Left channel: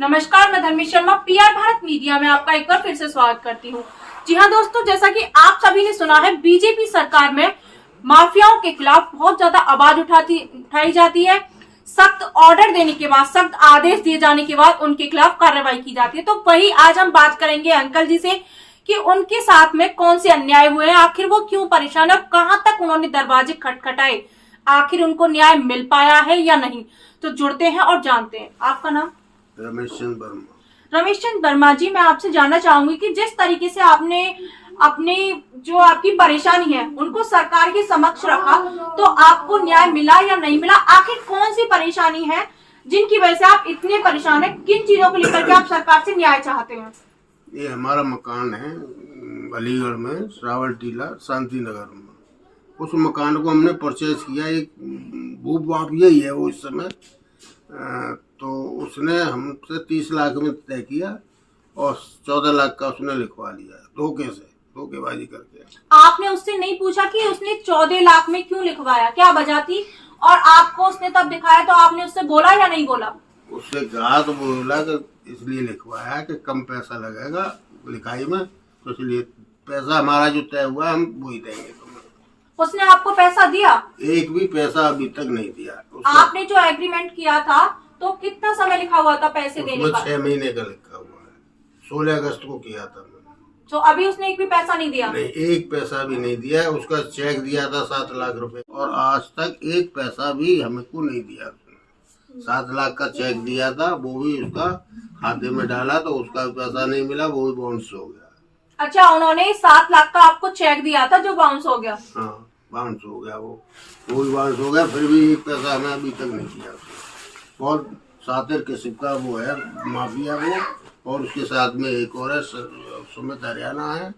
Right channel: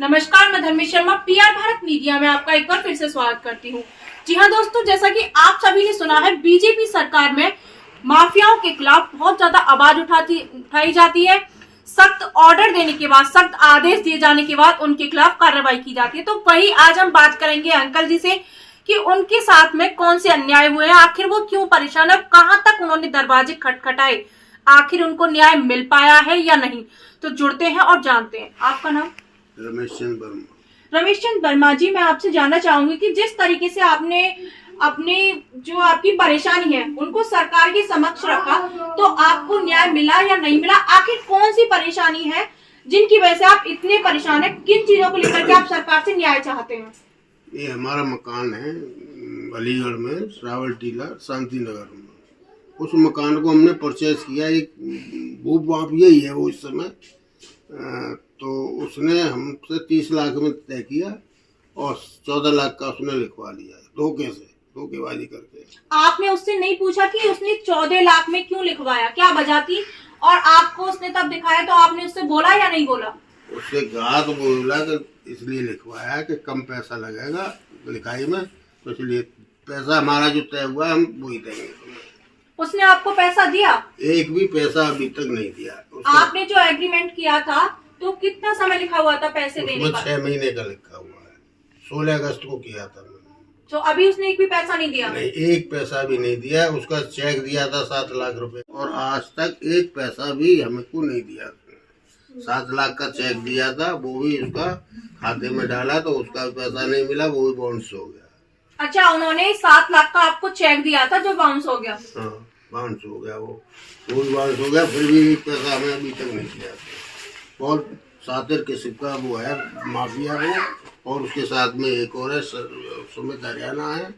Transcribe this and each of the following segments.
नमस्कार, मैं धर्मी शर्मा पीआर भारत मीडिया में आपका एक बार फिर से स्वागत करती हूँ। जी हाँ दोस्तों, जैसा कि आप सभी ने सुना है, बीजेपी सरकार में माफियाओं के खिलाफ बहुत ज्यादा आवाज उठाई जाती है। सख्त ऑर्डर देने के बाद, सख्त आदेश दिए जाने के बाद उनके खिलाफ कार्रवाई की जाती है। तो वही आज हम बात करेंगे अंकल जी से कि उनके साथ में कौन से अन्याय हुए हैं, आखिर वो क्यों परेशान है, कहाँ तक उन्होंने दरवाजे खटखटाए, आखिर उनको न्याय मिल पाया है या नहीं। तो जुड़ते हैं और जानते हैं। आपका नाम? रमेश चंद वर्मा। रमेश चंद वर्मा जी, मैं आपसे जानना चाहूंगी कि जिस तरीके से आपने अपनी जो आपकी परेशानी है उनको सरकार के समक्ष रखा, तो आपको न्याय मिला या नहीं मिला? आखिर कौन सी परेशानी है जिनकी वजह से आप इतने परेशान हैं? किन चीजों को लेकर के आप सरकार से न्याय चाहते हैं? ये हमारा मकान है अलीगढ़ में, श्रावल टीला, शांति नगर में। उस मकान को हमने परचेज किया, एक भू माफिया ही है वो इस समय। तो उसने हमसे 30 लाख में तय किया और 14 लाख का उसने लिखवा लिया, धोखेबाजी करके। आपने उससे नहीं पूछा कि उसने 14 लाख में क्यों लिखवाया, क्या वजह थी? और आपको उसने तब दिखाया तो आपने उससे बोला या नहीं बोला? उससे कहा तो बोला कि इसलिए लिखवाया कि कम पैसा लगेगा लिखाई में, तो इसलिए पैसा हमारा जो तय हुआ हम वही देंगे। उसने आपको पैसा दिया? एक भी पैसा अभी तक नहीं दिया। आपने जो एग्रीमेंट किया था तो कितना समय लिखा हुआ था पैसे देने का? 6 महीने का लिखा हुआ है। 16 अगस्त को किया था मैंने। तो अभी उसने एक भी पैसा नहीं दिया? नहीं, एक पैसा भी नहीं दिया। उसका चेक दिया था 7 लाख रुपए और आज तक एक पैसा भी हमको नहीं दिया। 7 लाख का चेक दिया था, वो भी उसका खाते में डाला तो उसका पैसा नहीं मिला, वो भी बाउंस हो गया। अच्छा, उन्होंने 7 लाख का आपको चेक दिया था जो बाउंस हो गया? हाँ, बाउंस हो गया, वो भी बाउंस हो गया। फिर भी एक पैसा हमें अभी तक नहीं दिया। बहुत सातिर किस्म का वो है माफिया वो, और उसके साथ में एक और है सुमित हरियाणा है,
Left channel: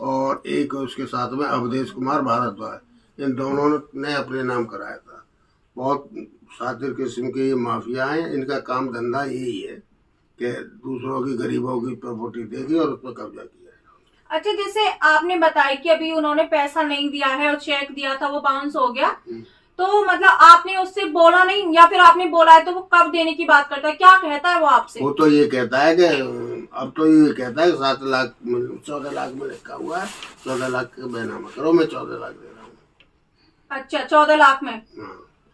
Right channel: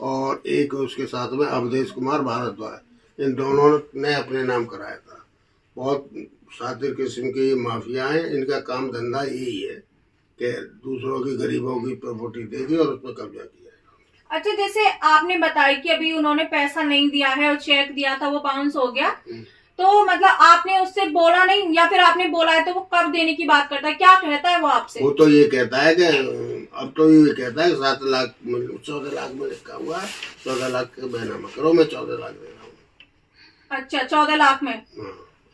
और एक उसके साथ में अवधेश कुमार भारद्वाज। इन दोनों ने अपने नाम कराया था। बहुत सातिर किस्म के ये माफिया हैं। इनका काम धंधा यही है कि दूसरों की, गरीबों की प्रॉपर्टी देगी और उस पर कब्जा किया। अच्छा, जैसे आपने बताया कि अभी उन्होंने पैसा नहीं दिया है और चेक दिया था वो बाउंस हो गया, तो मतलब आपने उससे बोला नहीं, या फिर आपने बोला है तो वो कब देने की बात करता है, क्या कहता है वो आपसे? वो तो ये कहता है कि अब तो ये कहता है 7 लाख 14 लाख में लिखा हुआ है, 14 लाख का बैनामा करो, मैं 14 लाख दे रहा हूँ। अच्छा, 14 लाख में?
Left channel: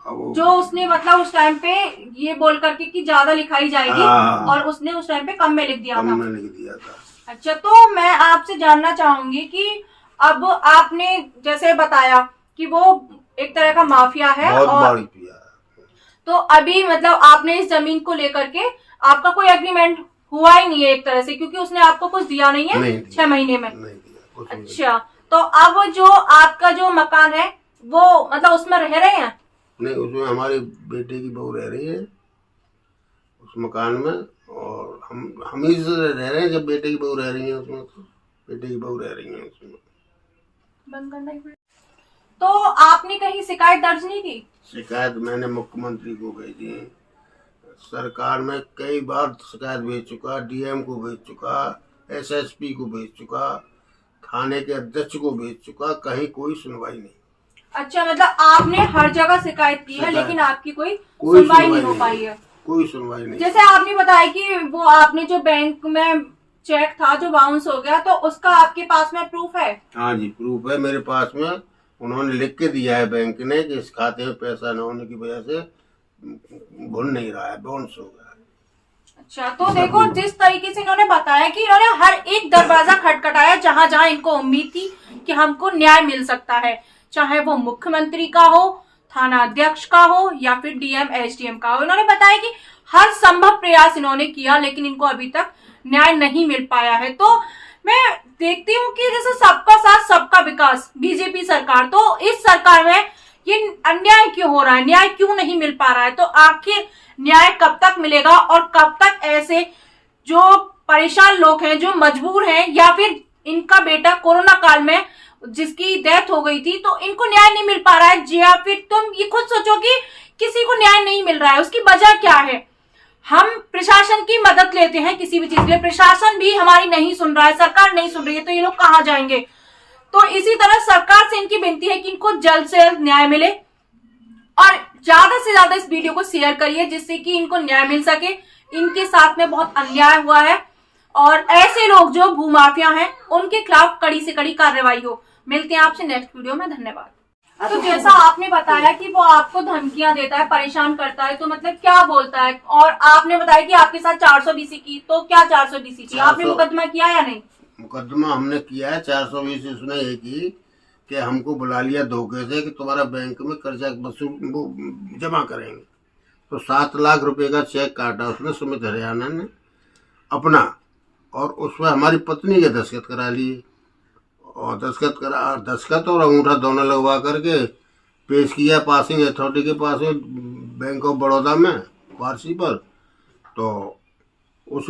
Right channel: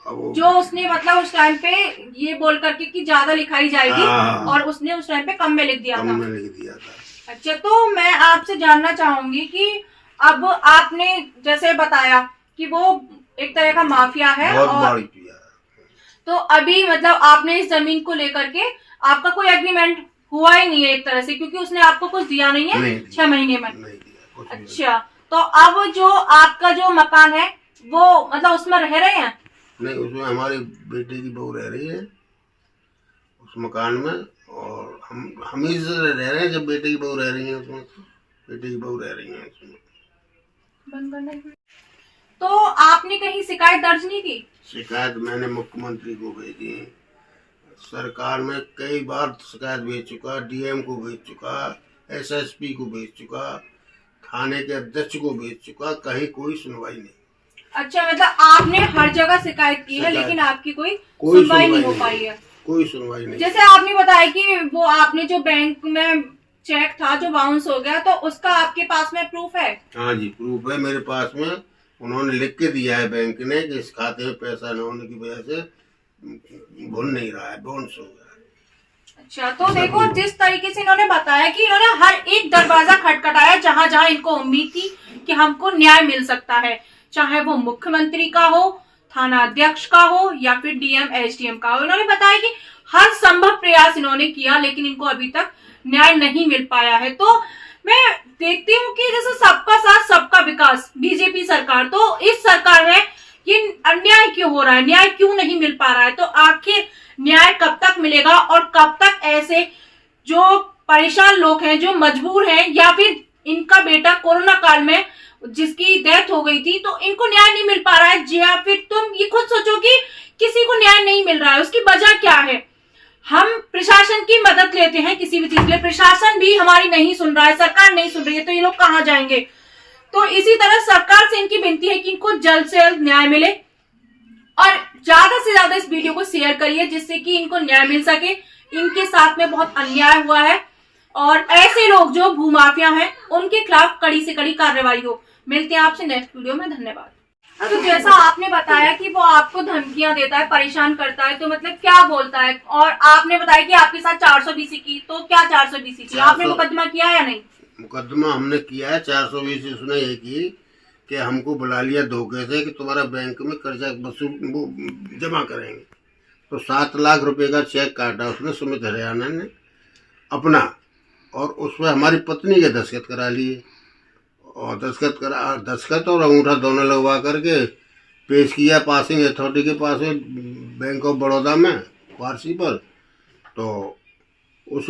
जो उसने मतलब उस टाइम पे ये बोल करके कि ज्यादा लिखाई जाएगी, और उसने उस टाइम पे कम में लिख दिया था। अच्छा, तो मैं आपसे जानना चाहूंगी कि अब आपने जैसे बताया कि वो एक तरह का माफिया है, और तो अभी मतलब आपने इस जमीन को लेकर के आपका कोई एग्रीमेंट हुआ ही नहीं है एक तरह से, क्योंकि उसने आपको कुछ दिया नहीं है 6 महीने में? अच्छा, तो अब जो आपका जो मकान है वो मतलब उसमें रह रहे हैं? नहीं, उसमें हमारी बेटे की बहू रह रही है उस मकान में, और हम ही से रह रहे हैं। जब बेटे की बहू रह रही है उसमें, तो बेटे की बहू रह रही है उसमें। बंद करना ही पड़ेगा। तो आपने कहीं शिकायत दर्ज नहीं की? शिकायत मैंने मुख्यमंत्री को भेजी, सरकार में कई बार शिकायत भेज चुका, डीएम को भेज चुका, एसएसपी को भेज चुका, थाने के अध्यक्ष को भेज चुका, कहीं कोई सुनवाई नहीं। अच्छा, मतलब आपने हर जगह शिकायत की है लेकिन आपकी कोई सुनवाई नहीं हो पाई है? कोई सुनवाई नहीं। जैसे आपने बताया कि वो आपने जो बैंक में चेक था जो बाउंस हो गया, तो उसका आपके पास में प्रूफ है? हाँ जी, प्रूफ है मेरे पास में। उन्होंने लिख के दिया है बैंक ने कि इस खाते में पैसा न होने की वजह से भुन नहीं रहा है, बाउंस हो गया। अच्छा, तो देखो जिस तरीके से इन्होंने बताया कि इन्होंने हर एक दरवाजा खटखटाया जहां जहां इनको उम्मीद थी कि हमको न्याय मिल सकता है, चाहे वो मुख्यमंत्री का हो, थाना अध्यक्ष का हो, या फिर डीएम एसडीएम का हो। इन्होंने बताया कि हर संभव प्रयास इन्होंने किया लेकिन इनको अभी तक न्याय नहीं मिल पाया है। तो मैं देखती हूँ कि जैसे सबका साथ सबका विकास बीजेपी सरकार, तो इस सरकार में ये अन्याय क्यों हो रहा है, न्याय क्यों नहीं मिल पा रहा है? तो आखिर न्याय कब तक मिलेगा और कब तक ऐसे जो परेशान लोग हैं, जो मजबूर हैं, या फिर इनका बेटा कोरोना काल में जिसकी डेथ हो गई थी, तो इनको न्याय नहीं मिल पा रहा है? या फिर तुम ये खुद सोचो कि किसी को न्याय नहीं मिल रहा है, उसकी वजह क्या है? हम प्रशासन की मदद लेते हैं किसी भी चीज के लिए, प्रशासन भी हमारी नहीं सुन रहा है, सरकार नहीं सुन रही है, तो ये लोग कहाँ जाएंगे? तो इसी तरह सरकार से इनकी विनती है कि इनको जल्द से जल्द न्याय मिले, और ज्यादा से ज्यादा इस वीडियो को शेयर करिए जिससे कि इनको न्याय मिल सके, इनके साथ में बहुत अन्याय हुआ है और ऐसे लोग जो भूमाफिया हैं उनके खिलाफ कड़ी से कड़ी कार्रवाई हो। मिलते हैं आपसे नेक्स्ट वीडियो में, धन्यवाद। तो जैसा आपने बताया कि वो आपको धमकियां देता है, परेशान करता है, तो मतलब क्या बोलता है? और आपने बताया कि आपके साथ 420 की, तो क्या 420 की आपने मुकदमा किया या नहीं? मुकदमा हमने किया है। 420 उसने ये की कि हमको बुला लिया धोखे से कि तुम्हारा बैंक में कर्जा वसूल जमा करेंगे। तो 7 लाख रुपए का चेक काटा उसने सुमित हरियाणा ने अपना, और उसमें हमारी पत्नी के दस्तखत करा लिए, और दस्तखत और अंगूठा दोनों लगवा करके पेश किया पासिंग अथॉरिटी के पास में, बैंक ऑफ बड़ौदा में वारसी पर। तो उस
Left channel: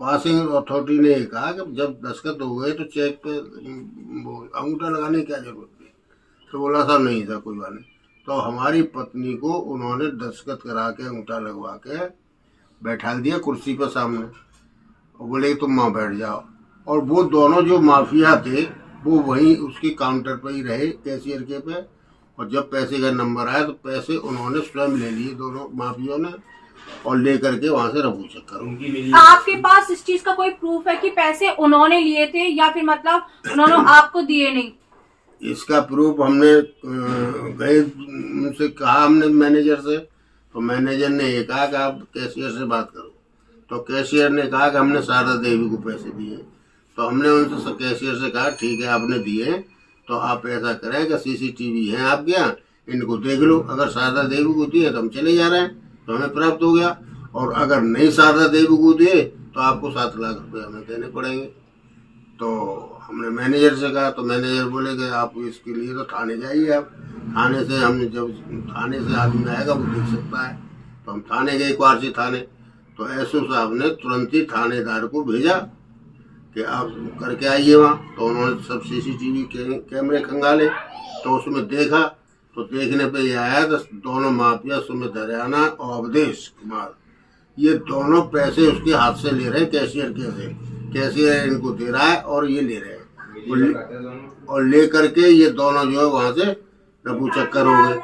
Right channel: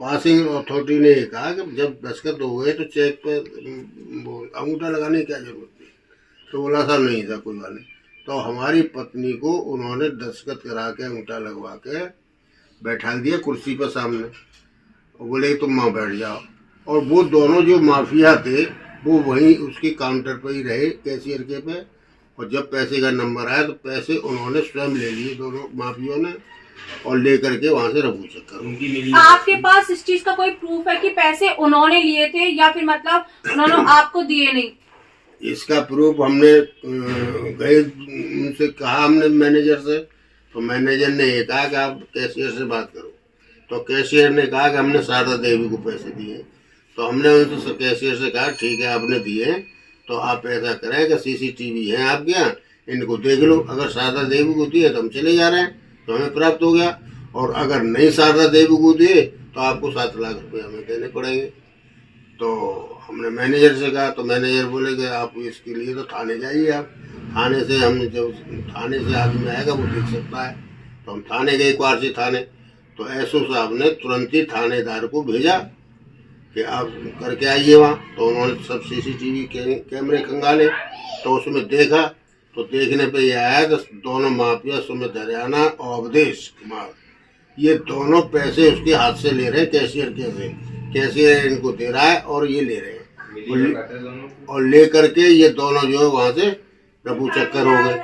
पासिंग अथॉरिटी ने कहा कि जब दस्तखत हो गए तो चेक पे अंगूठा लगाने की क्या जरूरत थी? तो बोला सर नहीं था, कोई बात नहीं। तो हमारी पत्नी को उन्होंने दस्तखत करा के अंगूठा लगवा के बैठा दिया कुर्सी पर सामने, और बोले तुम वहाँ बैठ जाओ। और वो दोनों जो माफिया थे वो वहीं उसके काउंटर पर ही रहे, कैशियर के पे। और जब पैसे का नंबर आया तो पैसे उन्होंने स्वयं ले लिए दोनों माफियों ने, और लेकर के वहाँ से रफू चक्कर। आपके पास इस चीज का कोई प्रूफ है कि पैसे उन्होंने लिए थे या फिर मतलब उन्होंने आपको दिए नहीं? इसका प्रूफ हमने गए उनसे कहा, हमने मैनेजर से, तो मैनेजर ने ये कहा कि आप कैशियर से बात करो। तो कैशियर ने कहा कि हमने शारदा देवी को पैसे दिए। तो हमने उनसे कैशियर से कहा ठीक है आपने दिए, तो आप ऐसा करें कि सीसीटीवी है आपके यहाँ, इनको देख लो। अगर शारदा देवी को दिए तो हम चले जा रहे हैं, तो हमें प्राप्त हो गया। और अगर नहीं शारदा देवी को दिए तो आपको 7 लाख रुपए हमें देने पड़ेंगे। तो हमने मैनेजर से कहा, तो मैनेजर बोले कि आप इसके लिए तो थाने जाइए। आप थाने से, हम जब थाने से आदमी आएगा वो देख सकता है। तो हम थाने गए, क्वारसी थाने। तो एसओ साहब ने तुरंत ही थानेदार को भेजा कि आप करके आइए वहाँ। तो उन्होंने सब सीसीटीवी कैमरे खंगाले, तो उसमें देखा, तो देखने पे ये आया कि दोनों माफिया सुमित हरियाणा और अवधेश कुमार, ये दोनों पैसे उसके हाथ से ले रहे हैं कैशियर के से। कैशियर इनको दे रहा है और ये ले रहे हैं, और ले करके ये दोनों जो है वहाँ से रफू चक्कर हो गए।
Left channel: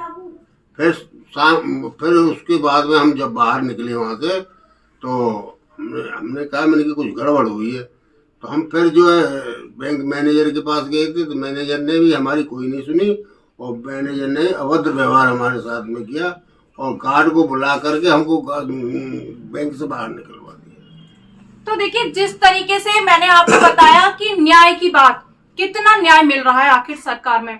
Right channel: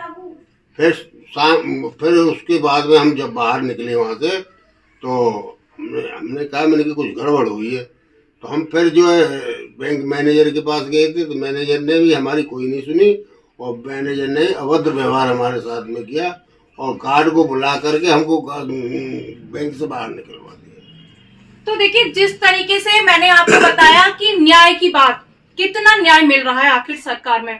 फिर उसके बाद में हम जब बाहर निकले वहाँ से, तो हमने कहा मैंने कि कुछ गड़बड़ हुई है। तो हम फिर जो है बैंक मैनेजर के पास गए थे, तो मैनेजर ने भी हमारी कोई नहीं सुनी, और मैनेजर ने अभद्र व्यवहार हमारे साथ में किया, और गार्ड को बुला करके हमको बैंक से बाहर निकलवा दिया। तो देखिए, जिस तरीके से मैंने आपको बताया कि न्याय की बात, कितना न्याय मिल रहा है आखिर सरकार में,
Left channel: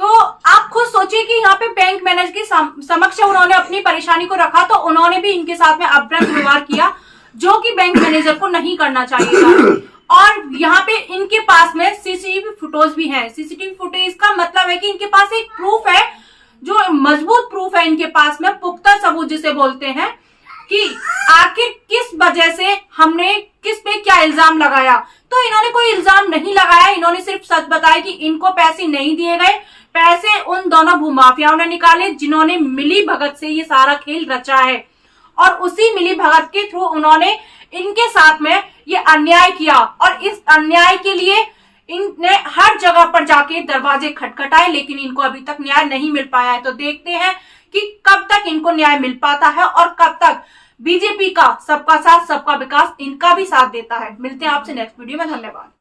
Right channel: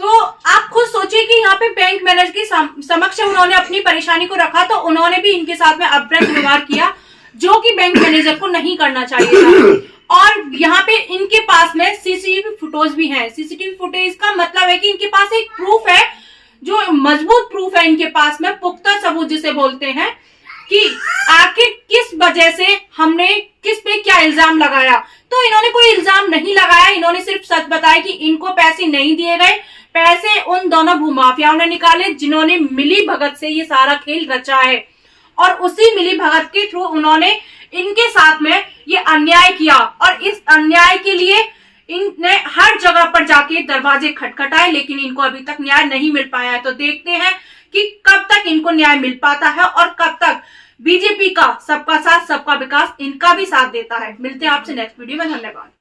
तो आप खुद सोचिए कि यहाँ पे बैंक मैनेजर की समक्ष उन्होंने अपनी परेशानी को रखा, तो उन्होंने भी इनके साथ में अभद्र व्यवहार किया, जो कि बैंक मैनेजर को नहीं करना चाहिए था। और यहाँ पे इनके पास में सीसीटीवी फुटेज भी है। सीसीटीवी फुटेज का मतलब है कि इनके पास एक प्रूफ है, जो मजबूत प्रूफ है इनके पास में, पुख्ता सबूत जिसे बोलते हैं, कि आखिर किस वजह से हमने किस पे क्या इल्जाम लगाया। तो इन्होंने कोई इल्जाम नहीं लगाया, इन्होंने सिर्फ सच बताया कि इनको पैसे नहीं दिए गए। पैसे उन दोनों भूमाफियाओं ने निकाले जिन्होंने मिली भगत से ये सारा खेल रचा है, और उसी मिली भगत के थ्रू उन्होंने इनके साथ में ये अन्याय किया। और इस अन्याय के लिए इनने हर जगह पर जाके दरवाजे खटखटाए, लेकिन इनको अभी तक न्याय नहीं मिल पाया है। तो देखते हैं कि कब तक इनको न्याय मिल पाता है और कब तक बीजेपी का सबका साथ सबका विकास इनका भी साथ देता है। मिलते हैं आपसे नेक्स्ट वीडियो में, धन्यवाद।